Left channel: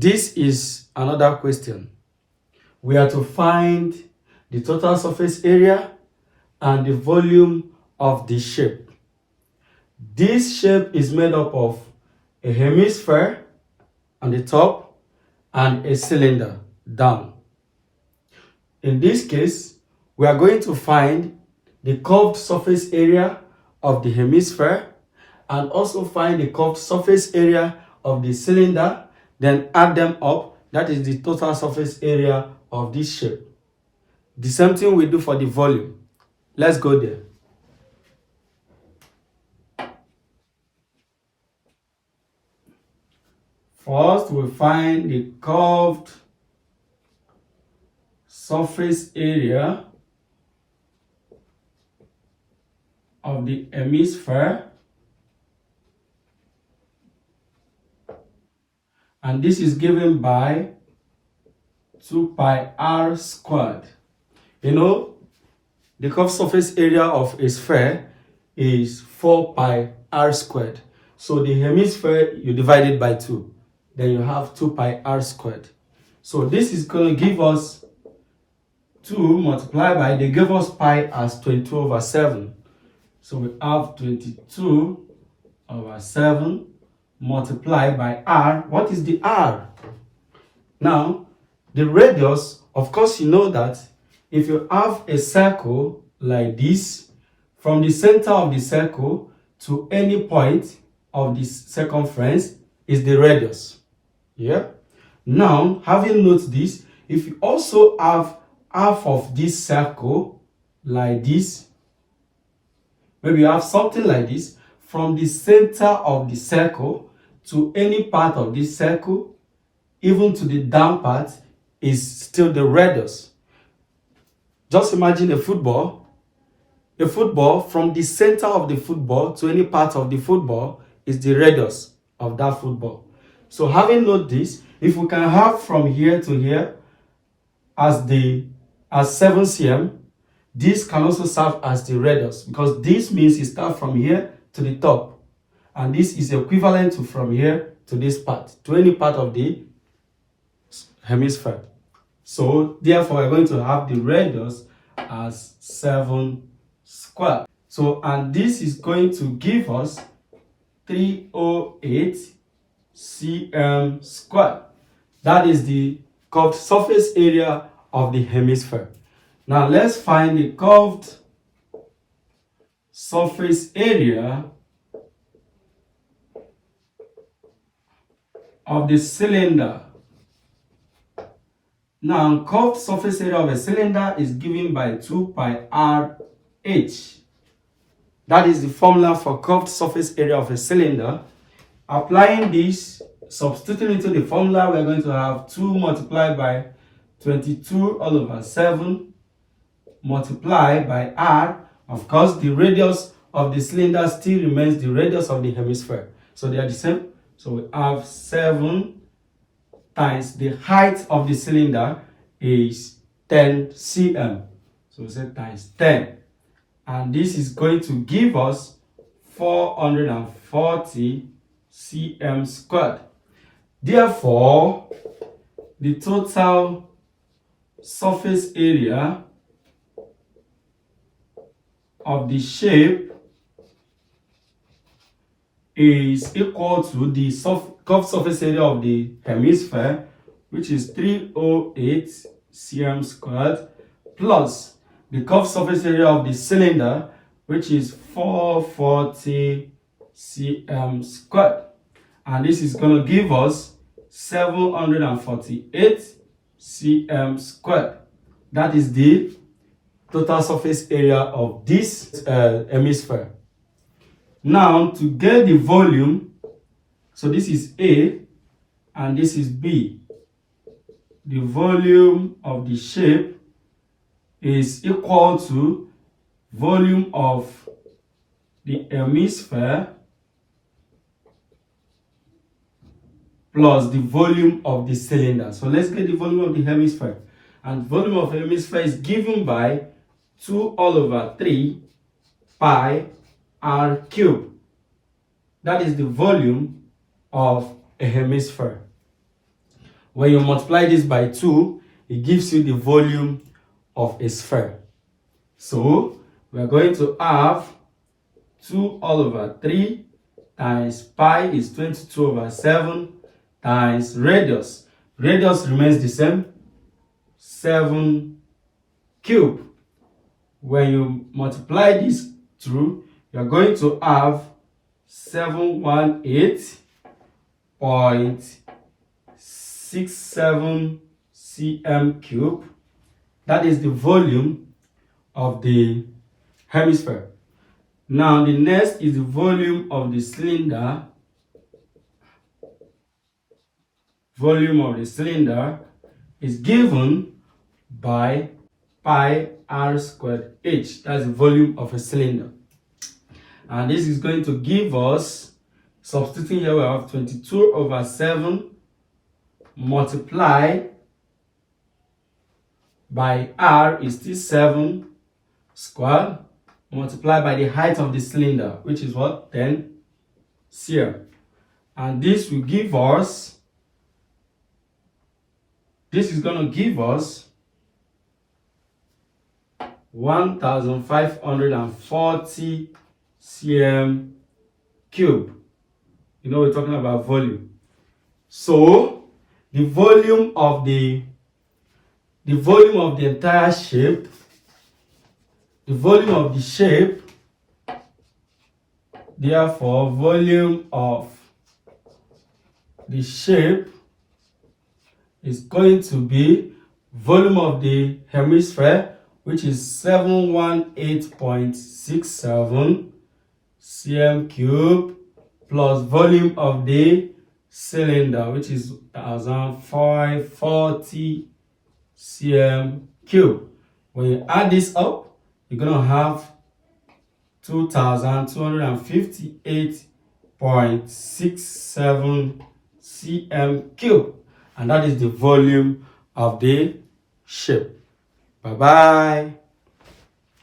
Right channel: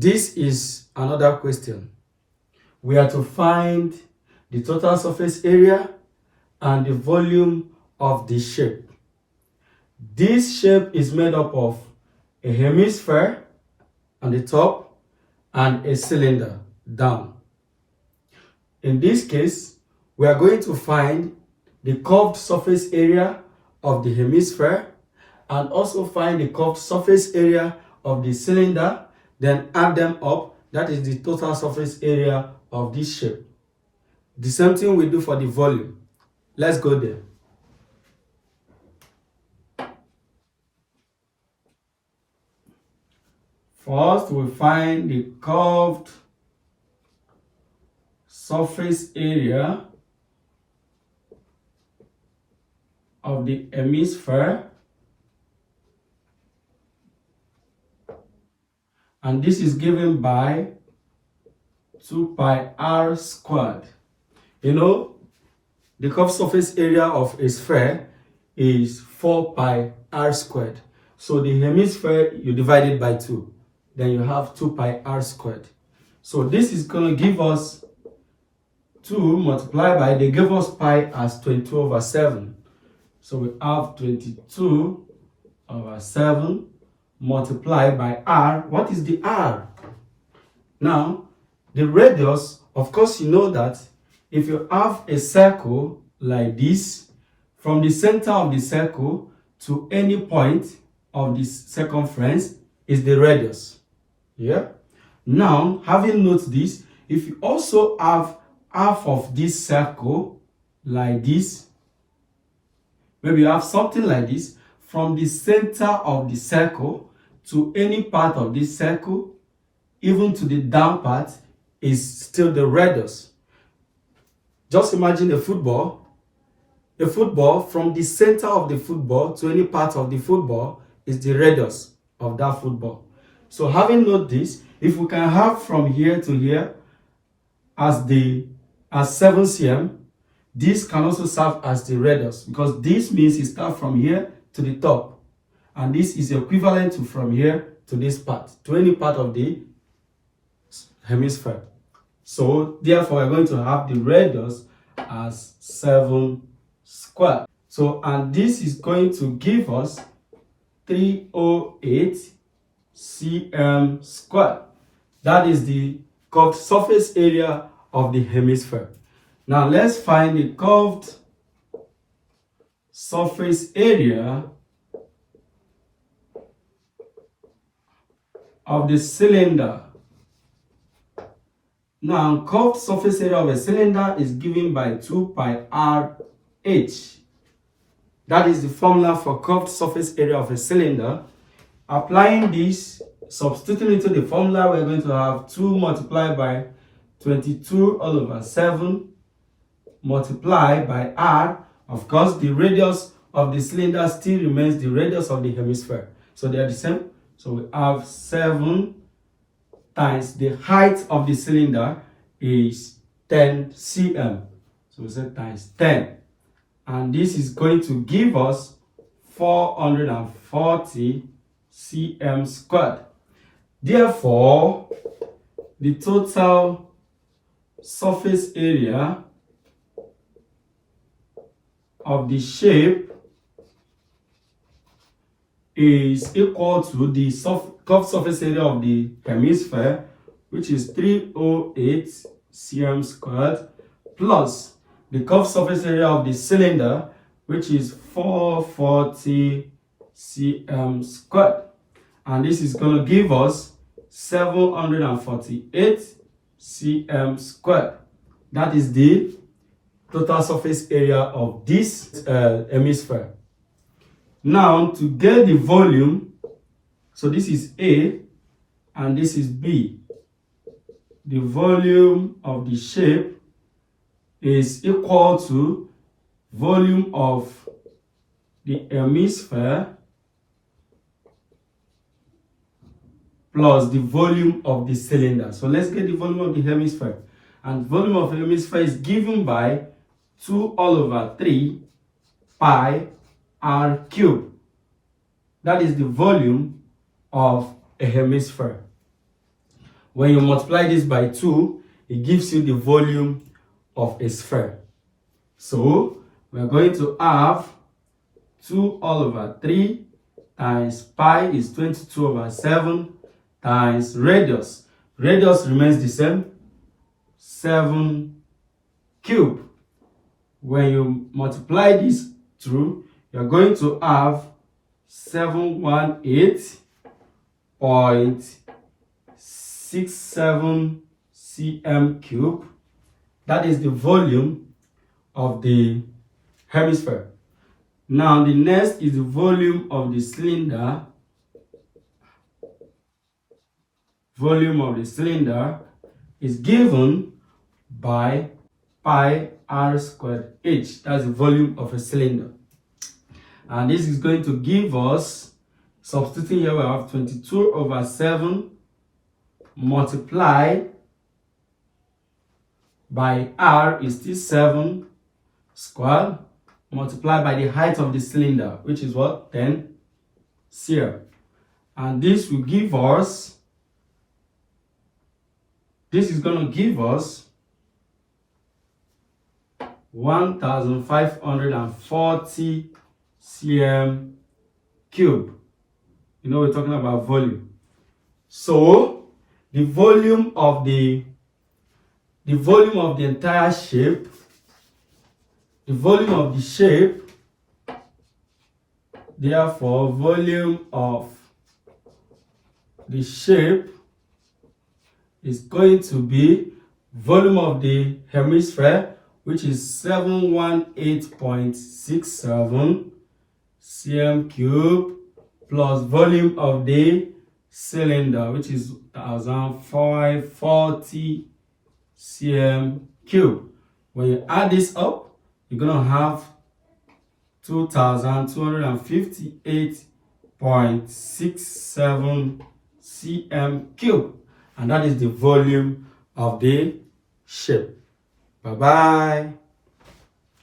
This is another question. We are to find the total surface area and the volume of the shape. This shape is made up of a hemisphere on the top and a cylinder down. In this case, we are going to find the curved surface area of the hemisphere and also find the curved surface area of the cylinder, then add them up. That is the total surface area of this shape. The same thing we do for the volume. Let's go there. First, we find the curved surface area of the hemisphere, and this is given by 2 pi r squared. You know, the curved surface area of a sphere is 4 pi r squared. So the hemisphere, you divide it by 2. Then you have 2 pi r squared. So this is going to give us 2 multiplied by, they give us pi as 22 over 7. So we have 22 over 7 multiplied by r. What is the r? Now, the radius, of course, you know that if you have a circle like this, from the center of the circle to any point of the circumference is the radius. Yeah. Now, having noted this, if you also have half of this circle like this, maybe you have something like this, from the center of the circle to any part of this circle, even to the down part, is still the radius. Just imagine a football. A football, from the center of the football to any part of the football is the radius of that football. So having noted this, if we can have from here to here as 7 cm, this can also serve as the radius, because this means it starts from here to the top, and this is equivalent to from here to this part, to any part of the hemisphere. So therefore, we're going to have the radius as 7 squared. So, and this is going to give us 308 cm squared. That is the curved surface area of the hemisphere. Now let's find the curved surface area of the cylinder. Now, curved surface area of a cylinder is given by 2 pi r h. That is the formula for curved surface area of a cylinder. Applying this, substituting into the formula, we're going to have 2 multiplied by 22 all over 7 multiplied by r. Of course, the radius of the cylinder still remains the radius of the hemisphere. So they are the same. So we have 7 times the height of the cylinder is 10 cm. So we say times 10. And this is going to give us 440 cm squared. Therefore, the total surface area of the shape is equal to the curved surface area of the hemisphere, which is 308 cm squared, plus the curved surface area of the cylinder, which is 440 cm squared. And this is going to give us 748 cm squared. That is the total surface area of this hemisphere. Now, to get the volume, so this is A and this is B. The volume of the shape is equal to volume of the hemisphere plus the volume of the cylinder. So let's get the volume of the hemisphere. And volume of the hemisphere is given by 2 all over 3 pi r cubed. That is the volume of a hemisphere. When you multiply this by 2, it gives you the volume of a sphere. So we're going to have 2 all over 3 times pi is 22 over 7 times radius. Radius remains the same, 7 cube. When you multiply this through, you're going to have 718.67 cm cube. That is the volume of the hemisphere. Now the next is the volume of the cylinder. Volume of the cylinder is given by pi r squared h. That's the volume of a cylinder. And this is going to give us, substituting here, we have 22 over 7 multiplied by r is still 7 squared, multiplied by the height of the cylinder, which is what? 10 cm. And this will give us, this is going to give us 1540 cm cube. You know, we're talking about volume. So the volume of the entire shape, the volume of the shape, therefore volume of the shape is going to be volume of the hemisphere, which is 718.67 cm cube, plus volume of the cylinder, which is 1540 cm cube. When you add this up, you're going to have 2258.67 cm cube, and that is the volume of the shape. Bye bye.